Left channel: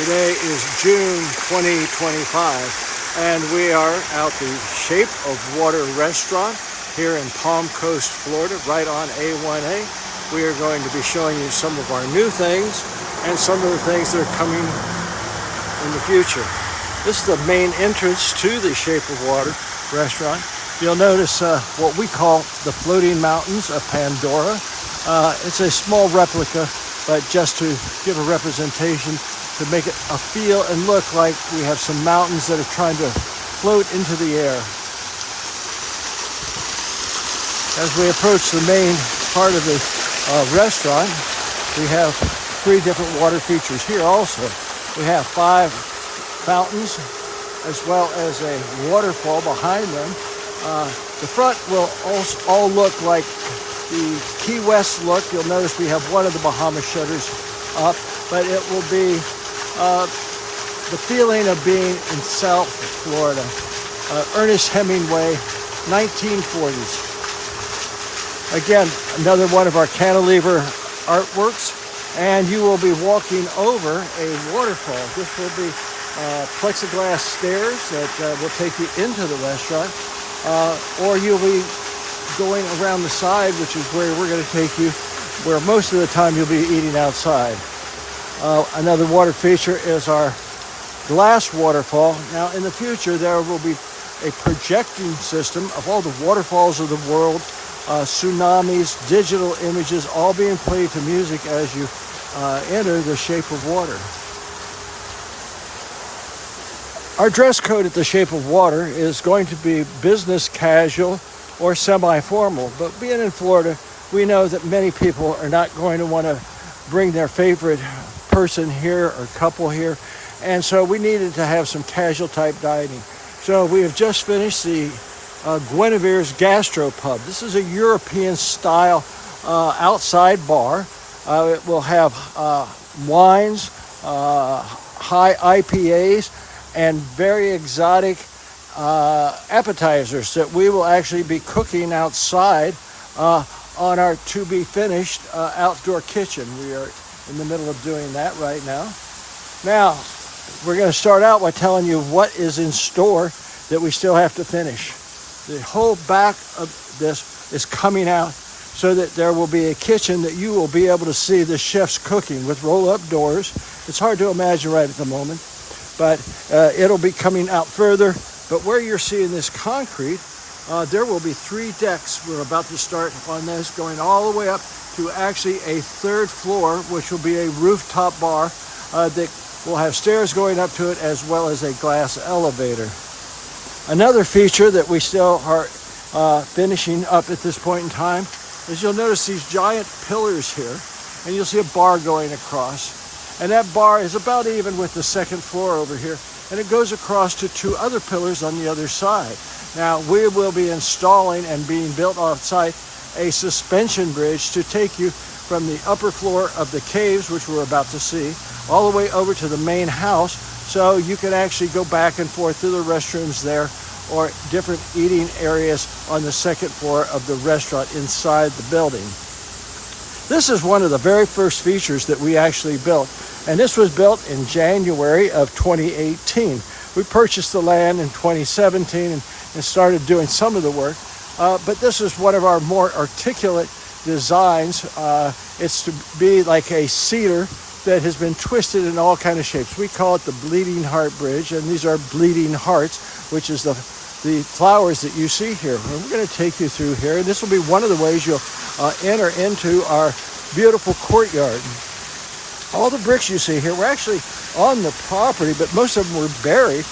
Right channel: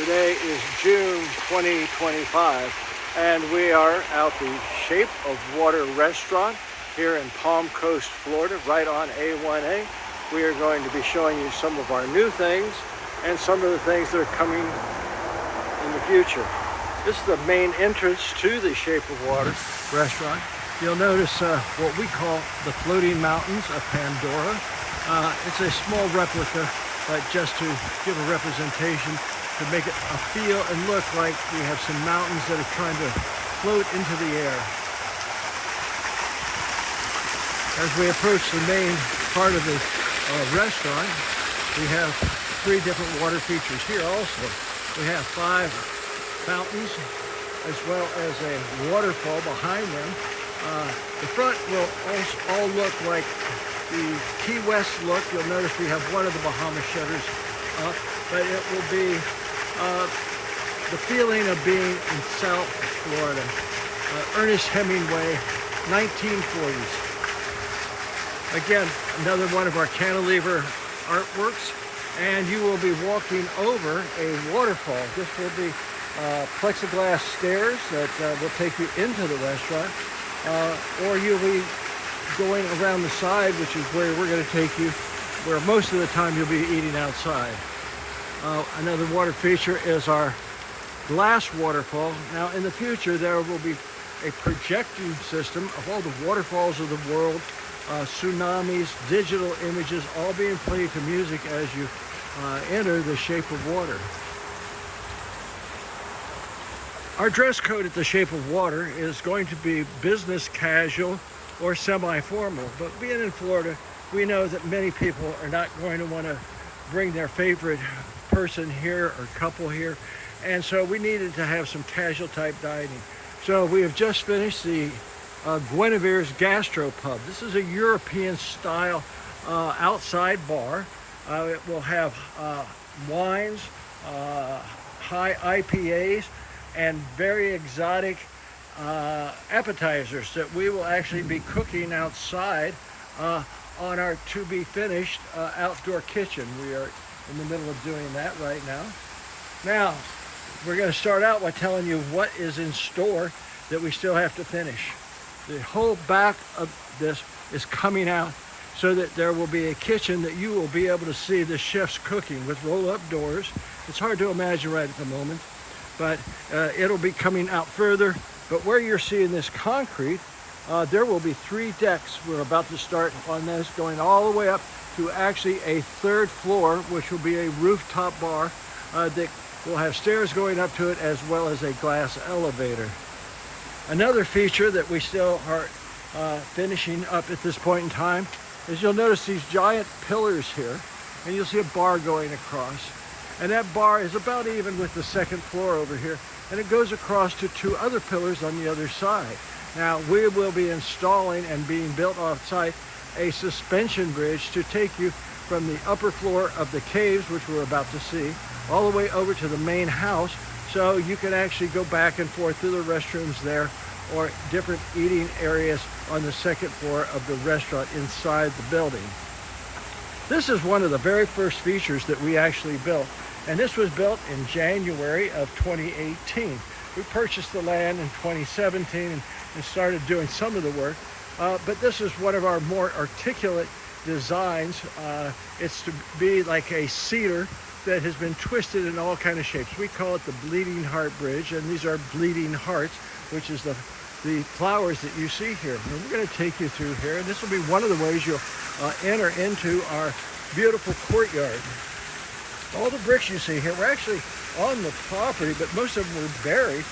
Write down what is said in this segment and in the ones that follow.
Today is June 2025, and we are at the Shape of Water restaurant here in Palm Coast, Florida, right on A1A. We are going to be showing you some of our new things and some of the things that are coming in the future. This is the main entrance to the Shape of Water restaurant. You'll notice what we call the floating mountains of Pandora. It's a small replica, but just to give a representation, to make it a feel and look like we have some mountains that are trying to float into the air. As we approach the main part of the restaurant, we have 3 different water features here also. We have 5 fountains as well as a waterfall behind them. The front will all look like the Key West look. You'll notice we have one of the Bahamas shutters up, but it will be the feeling of being in South Florida. Ernest Hemingway, 1940s. Again, another one of our cantilever artworks, and you will be walking over a waterfall. This will be plexiglass stairs that will take you into the restaurant, or you'll be going around the side, which is where we're going to take you, where most of the time you'll be eating outside. Another water feature is our glass waterfall. Now in the future there will be a projecting system of all the waterfalls of the world, tsunamis, digital images, all being played to music as you enter the Shape of Water. Our dress code at the Shape of Water is going to be business casual or semi-formal, but being in Florida, we know that many people are not going to want to bring their favorite person here or couple here, and so we needed to have some casual type dining. So we have just finished the Guinevere's Gastropub. This is a European style outside bar. It will have wines, high IPAs, and very exotic appetizers that we will actually be cooking outside on our to be finished outdoor kitchen. We are in the middle of doing that right now. Now, we're going to start out by telling you what is in store that we still have to finish. The whole back of this is coming out so that there will be a kitchen that you will be able to see the chefs cooking with roll-up doors. It's hard to imagine right at the moment, but it'll be coming out further. But where you're seeing this concrete, there will be 3 decks. We're about to start on this, going all the way up to actually a 3rd floor, which will be a rooftop bar that will have stairs going up to it, as well as a glass elevator. Another feature that we still are finishing up at this point in time is you'll notice these giant pillars here, and you'll see a bar going across. And that bar is about even with the 2nd floor over here, and it goes across to 2 other pillars on the other side. Now, we will be installing and being built off-site a suspension bridge to take you from the upper floor of the caves, which we're about to see, all the way over to the main house, so you can actually go back and forth through the restrooms there or different eating areas on the 2nd floor of the restaurant inside the building. This is one of the very first features that we actually built, and this was built in January of 2018. We purchased the land in 2017 and started doing some of the work, but this is one of our more articulate designs. It's to be like a cedar that has been twisted in all kinds of shapes. We call it the Bleeding Heart Bridge, and these are bleeding hearts, which is the flowers that you see here. And we're going to take you through here, and this will be one of the ways you'll enter into our beautiful courtyard. All the bricks you see here were actually on the property, but most of them were buried.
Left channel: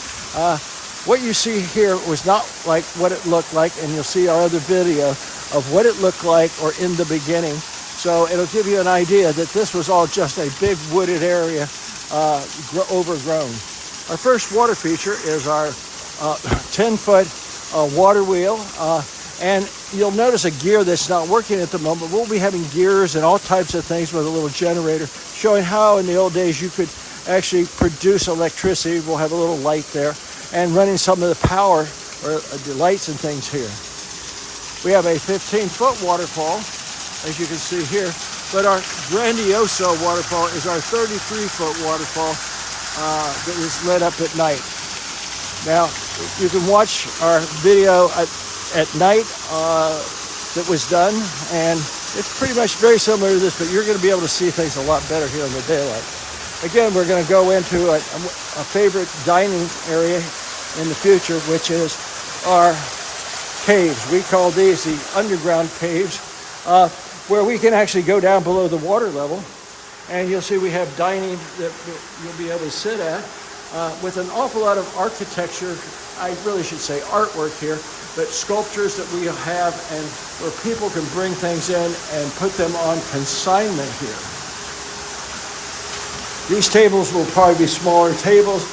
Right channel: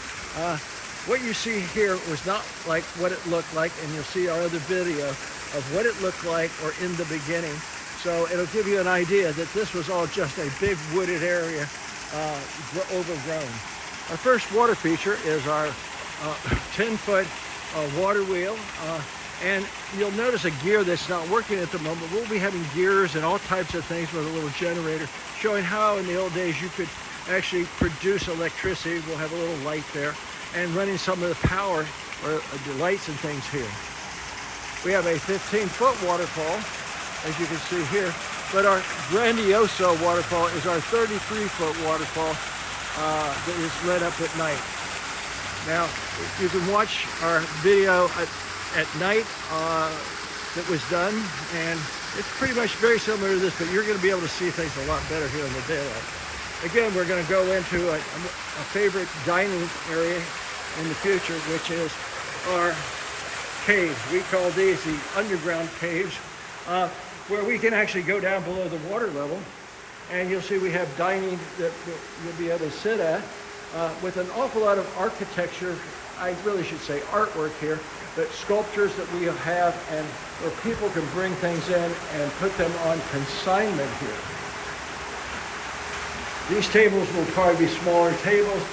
What you see here was not like what it looked like, and you'll see our other video of what it looked like or in the beginning. So it'll give you an idea that this was all just a big wooded area, overgrown. Our first water feature is our 10-foot water wheel. And you'll notice a gear that's not working at the moment. We'll be having gears and all types of things with a little generator, showing how in the old days you could actually produce electricity. We'll have a little light there, and running some of the power or the lights and things here. We have a 15-foot waterfall, as you can see here, but our Grandioso waterfall is our 33-foot waterfall. that is lit up at night. Now, you can watch our video at night that was done, and it's pretty much very similar to this, but you're going to be able to see things a lot better here in the daylight. Again, we're going to go into a favorite dining area in the future, which is our caves. We call these the underground caves, where we can actually go down below the water level, and you'll see we have dining that you'll be able to sit at with an awful lot of architecture. I really should say artwork here, but sculptures that we have, and where people can bring things in and put them on consignment here. These tables will probably be smaller tables.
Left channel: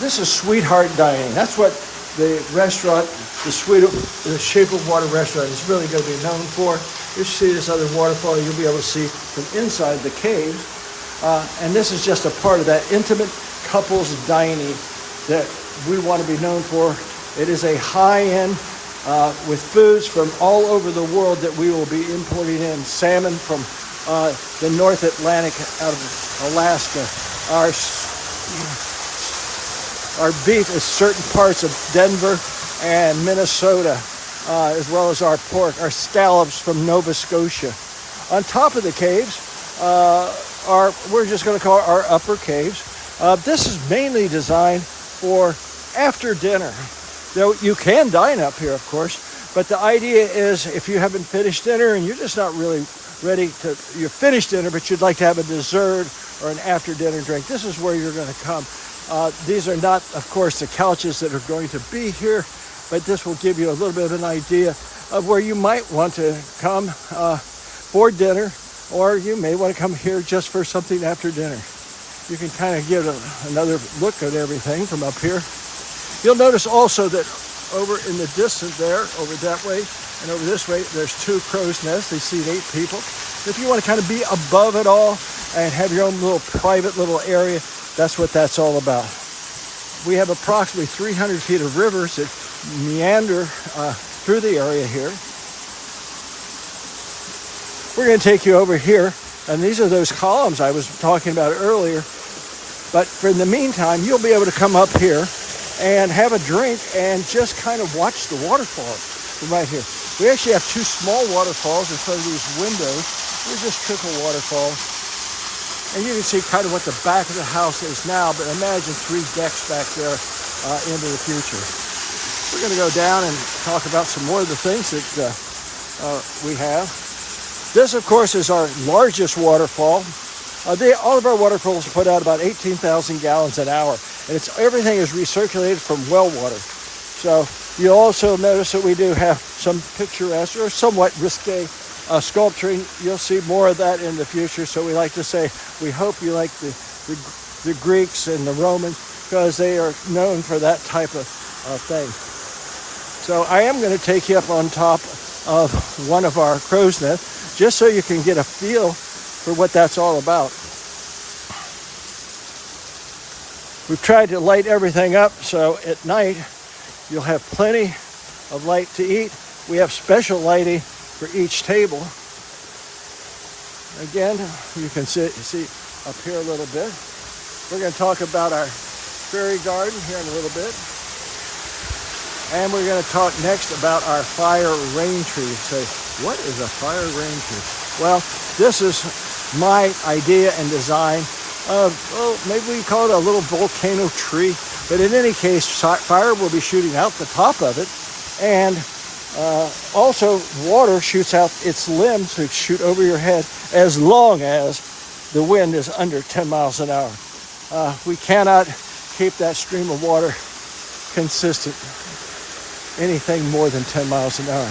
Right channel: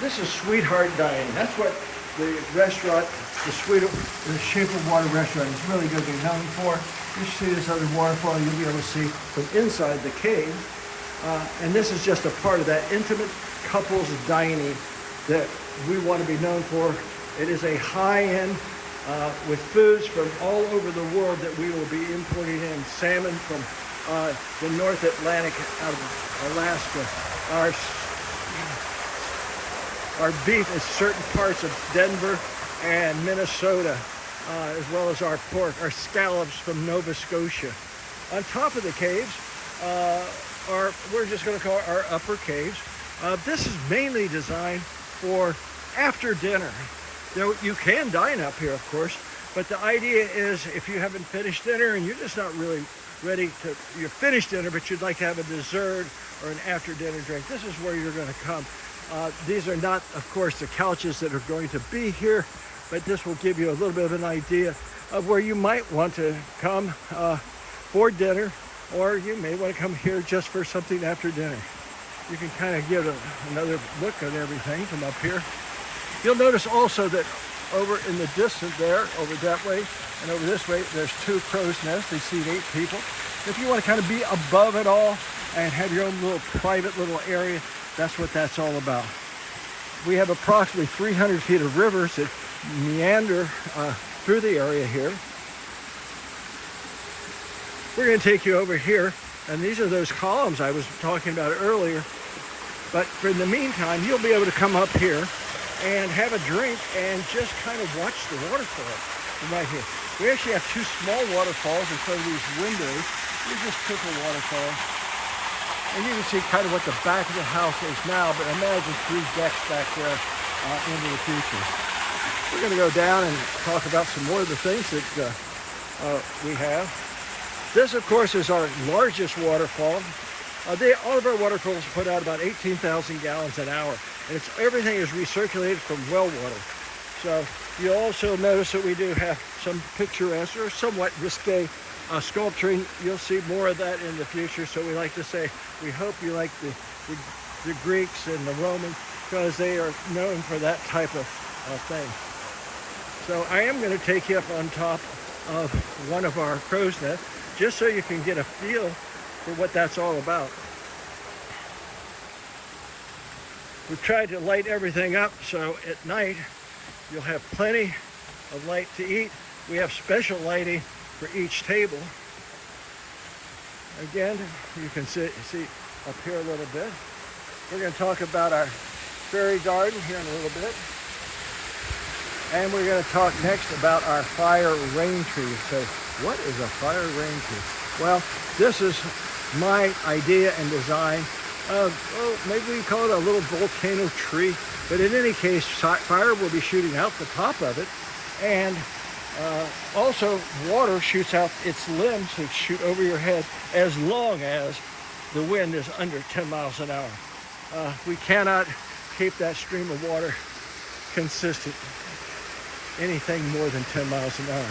This is Sweetheart Dining. That's what the restaurant, the Shape of Water restaurant, is really going to be known for. You see this other waterfall you'll be able to see from inside the cave. And this is just a part of that intimate couples dining that we want to be known for. It is a high-end with foods from all over the world that we will be importing in. Salmon from the North Atlantic out of Alaska. Our beef is certain parts of Denver and Minnesota, as well as our pork, our scallops from Nova Scotia. On top of the caves, we're just going to call it our upper caves. This is mainly designed for after dinner. You can dine up here, of course, but the idea is if you haven't finished dinner and you're just not really ready to, you're finished dinner, but you'd like to have a dessert or an after dinner drink, this is where you're going to come. These are not, of course, the couches that are going to be here, but this will give you a little bit of an idea of where you might want to come for dinner, or you may want to come here just for something after dinner. You can kind of get another look at everything from up here. You'll notice also that over in the distance there, over that way and over this way, there's two crow's nests. They seat 8 people. If you want to kind of be above it all and have your own little private little area, that's what that's all about. We have approximately 300 feet of rivers that meander through the area here. We're going to take you over here, and these are those columns I was talking about earlier. But for in the meantime, you'll be able to come up here and have a drink and just kind of watch the waterfall from right here. We actually have 2 small waterfalls in front of these windows. They're just trickle waterfalls. And you can see kind of what the back of the house is now, but imagine 3 decks back there into the future. We're going to go down and talk about some more of the things that we have. This, of course, is our largest waterfall. All of our waterfalls put out about 18,000 gallons an hour, and everything is recirculated from well water. So you'll also notice that we do have some picturesque or somewhat risque sculpturing. You'll see more of that in the future. So we like to say, we hope you like the Greeks and the Romans, because they are known for that type of thing. So I am going to take you up on top of one of our crow's nests, just so you can get a feel for what that's all about. We've tried to light everything up so at night you'll have plenty of light to eat. We have special lighting for each table. Again, you can see up here a little bit. We're going to talk about our fairy garden here in a little bit. And we're going to talk next about our fire rain tree. Say, what is a fire rain tree? Well, this is my idea and design of, maybe we call it a little volcano tree. But in any case, fire will be shooting out the top of it. And also, water shoots out its limbs that shoot over your head as long as the wind is under 10 miles an hour. We cannot keep that stream of water consistent anything more than 10 miles an hour.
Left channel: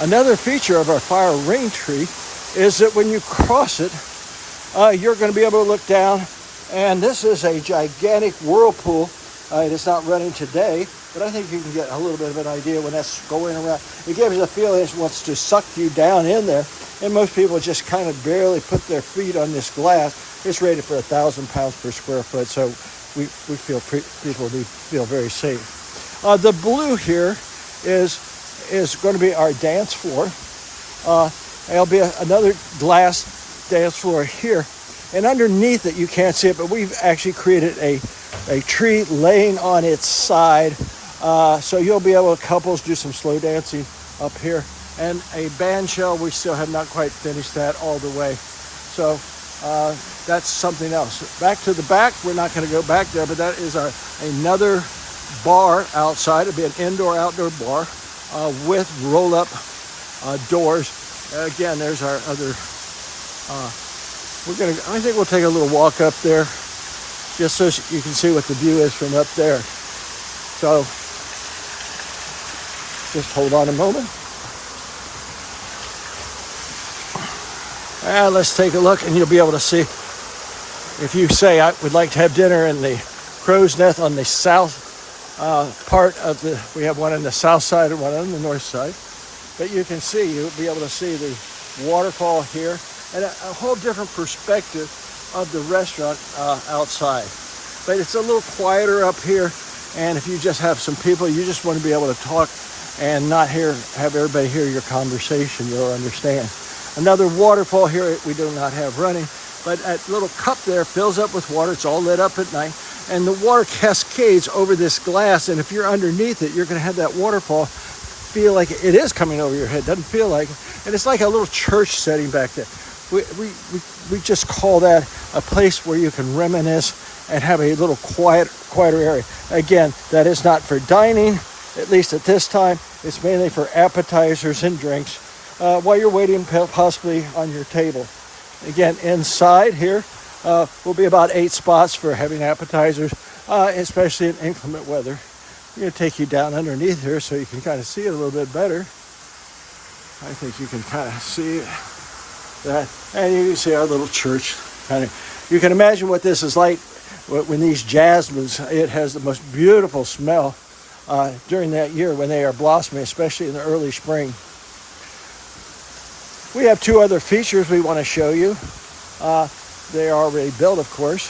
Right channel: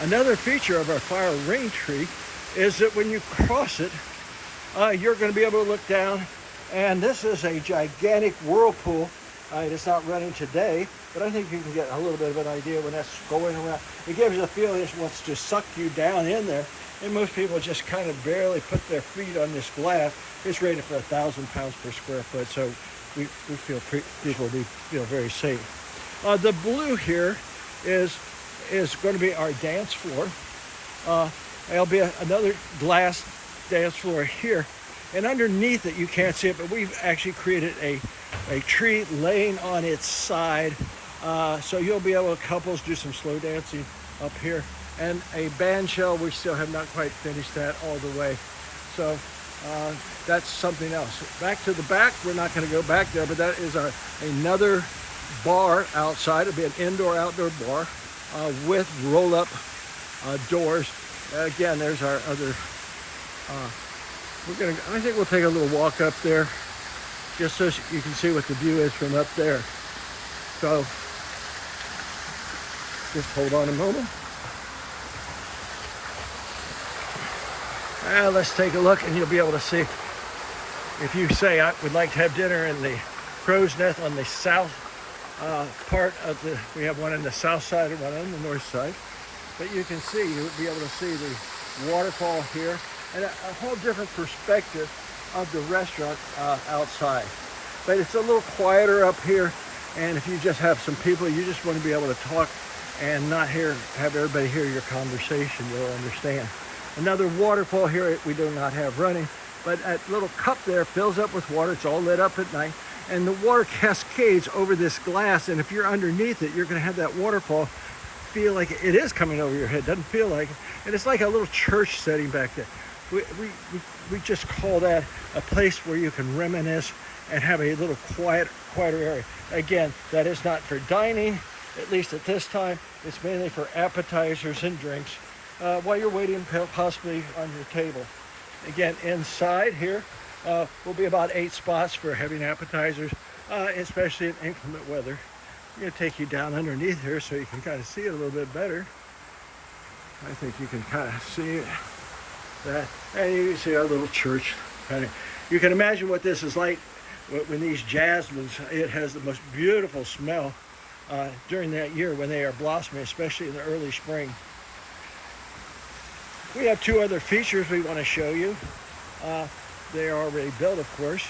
Another feature of our fire ring tree is that when you cross it, you're going to be able to look down, and this is a gigantic whirlpool. It is not running today, but I think you can get a little bit of an idea when that's going around. It gives you the feeling it wants to suck you down in there, and most people just kind of barely put their feet on this glass. It's rated for 1,000 pounds per square foot, so we feel people feel very safe. The blue here is going to be our dance floor. There'll be another glass dance floor here. And underneath it, you can't see it, but we've actually created a tree laying on its side. So you'll be able to couples do some slow dancing up here. And a band shell, we still have not quite finished that all the way. So that's something else. Back to the back, we're not going to go back there, but that is another bar outside. It'll be an indoor-outdoor bar with roll-up doors. Again, there's our other. I think we'll take a little walk up there, just so you can see what the view is from up there. So, just hold on a moment. Let's take a look, and you'll be able to see. If you say I would like to have dinner in the Crow's Nest on the south part of we have one on the south side and one on the north side. But you'll be able to see the waterfall here and a whole different perspective of the restaurant outside. But it's a little quieter up here, and if you just have some people, you just want to be able to talk and not have everybody hear your conversation, you'll understand. Another waterfall here we do not have running, but that little cup there fills up with water. It's all lit up at night, and the water cascades over this glass, and if you're underneath it, you're going to have that waterfall feel like it is coming over your head. Doesn't feel like it. And it's like a little church setting back there. We just call that a place where you can reminisce and have a little quieter area. Again, that is not for dining, at least at this time. It's mainly for appetizers and drinks while you're waiting possibly on your table. Again, inside here will be about 8 spots for having appetizers, especially in inclement weather. I'm going to take you down underneath here so you can kind of see it a little bit better. I think you can kind of see that. And you can see our little church. You can imagine what this is like when these jasmines, it has the most beautiful smell during that year when they are blossoming, especially in the early spring. We have 2 other features we want to show you. They are already built, of course.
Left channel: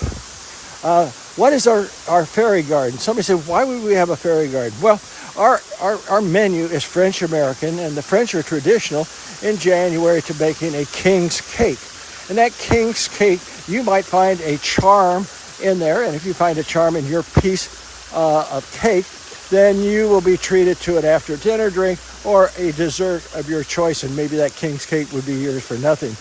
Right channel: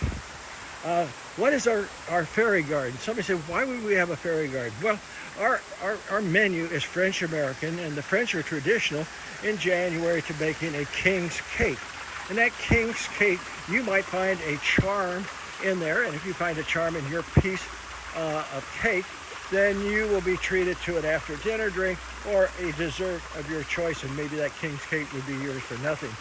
What is our fairy garden? Somebody said, why would we have a fairy garden? Well, our menu is French American, and the French are traditional in January to baking a king's cake. And that king's cake, you might find a charm in there, and if you find a charm in your piece of cake, then you will be treated to an after dinner drink or a dessert of your choice, and maybe that king's cake would be yours for nothing.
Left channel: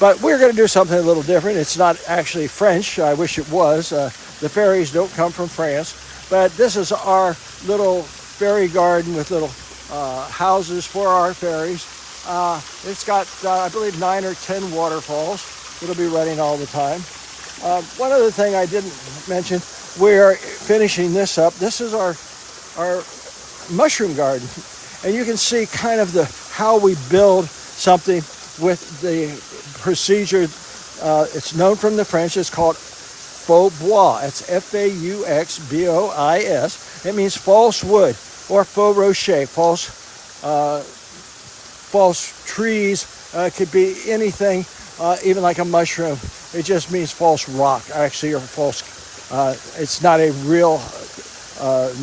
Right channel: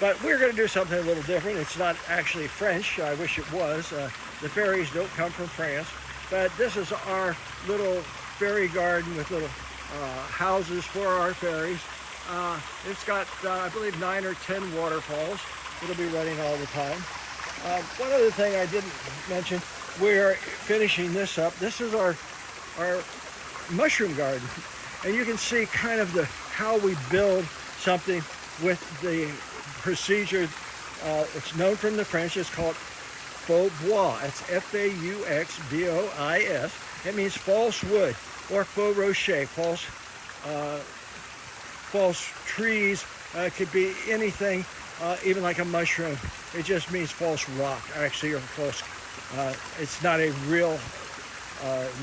But we're going to do something a little different. It's not actually French. I wish it was. The fairies don't come from France. But this is our little fairy garden with little houses for our fairies. It's got, I believe, 9 or 10 waterfalls. It'll be running all the time. One other thing I didn't mention, we're finishing this up. This is our mushroom garden. And you can see kind of how we build something with the procedure. It's known from the French. It's called faux bois. It's Fauxbois. It means false wood or faux rocher, false trees. Could be anything, even like a mushroom. It just means false rock, actually, or false. It's not a real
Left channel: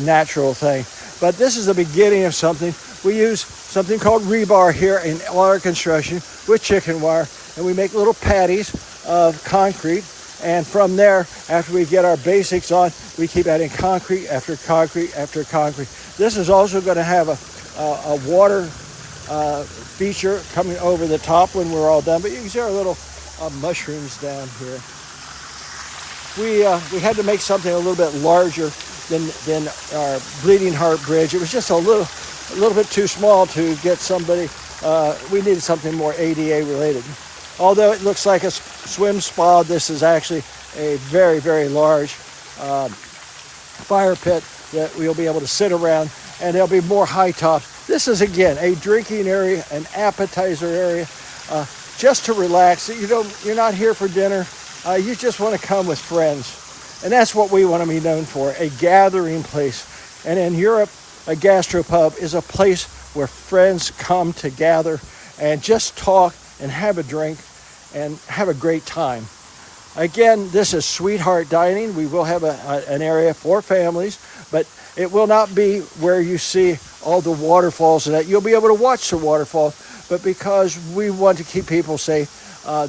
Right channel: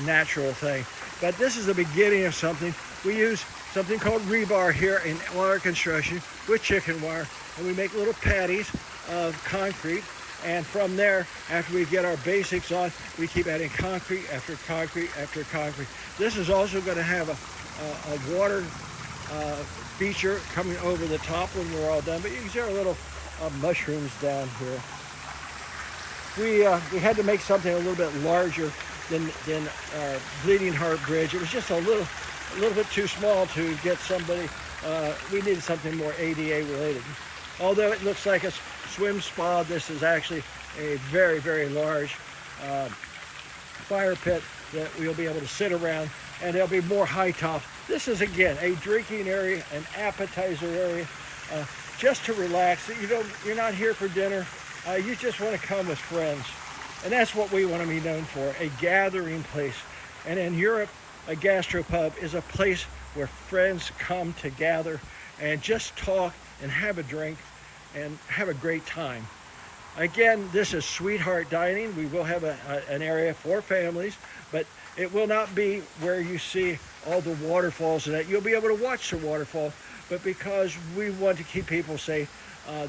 natural thing. But this is the beginning of something. We use something called rebar here in our construction with chicken wire, and we make little patties of concrete. And from there, after we get our basics on, we keep adding concrete after concrete after concrete. This is also going to have a water feature coming over the top when we're all done. But you can see our little mushrooms down here. We had to make something a little bit larger than our Bleeding Heart Bridge. It was just a little bit too small to get somebody. We needed something more ADA related. Although it looks like a swim spa, this is actually a very, very large fire pit that we'll be able to sit around, and there'll be more high tops. This is, again, a drinking area, an appetizer area, just to relax. You're not here for dinner. You just want to come with friends. And that's what we want to be known for, a gathering place. And in Europe, a gastropub is a place where friends come to gather and just talk and have a drink and have a great time. Again, this is Sweetheart Dining. We will have an area for families, but it will not be where you see all the waterfalls and that. You'll be able to watch the waterfall, but because we want to keep people safe,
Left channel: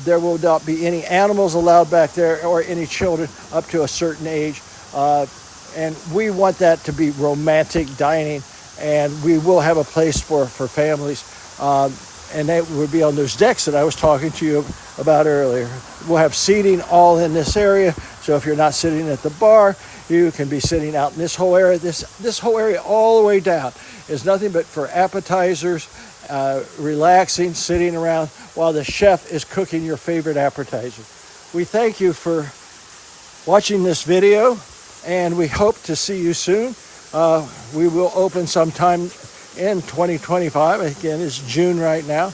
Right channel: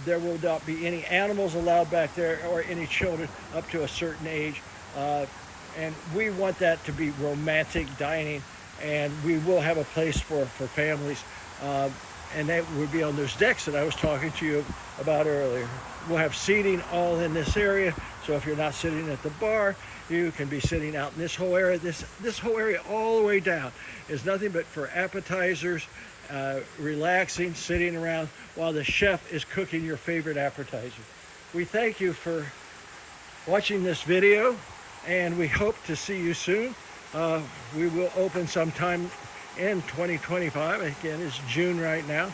There will not be any animals allowed back there or any children up to a certain age. And we want that to be romantic dining, and we will have a place for families. And that would be on those decks that I was talking to you about earlier. We'll have seating all in this area. So if you're not sitting at the bar, you can be sitting out in this whole area. This whole area all the way down is nothing but for appetizers, relaxing, sitting around while the chef is cooking your favorite appetizer. We thank you for watching this video, and we hope to see you soon. We will open sometime in 2025. Again, it's June right now.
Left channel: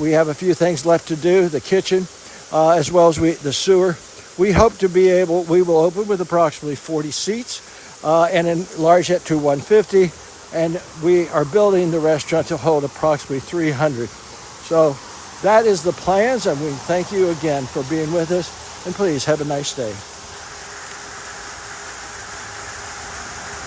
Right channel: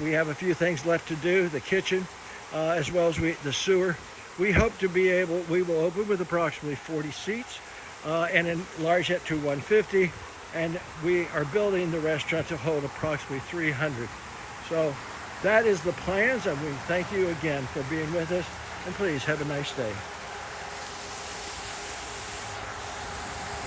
We have a few things left to do, the kitchen, as well as the sewer. We hope to be able, we will open with approximately 40 seats and enlarge that to 150. And we are building the restaurant to hold approximately 300. So that is the plans, and we thank you again for being with us, and please have a nice day.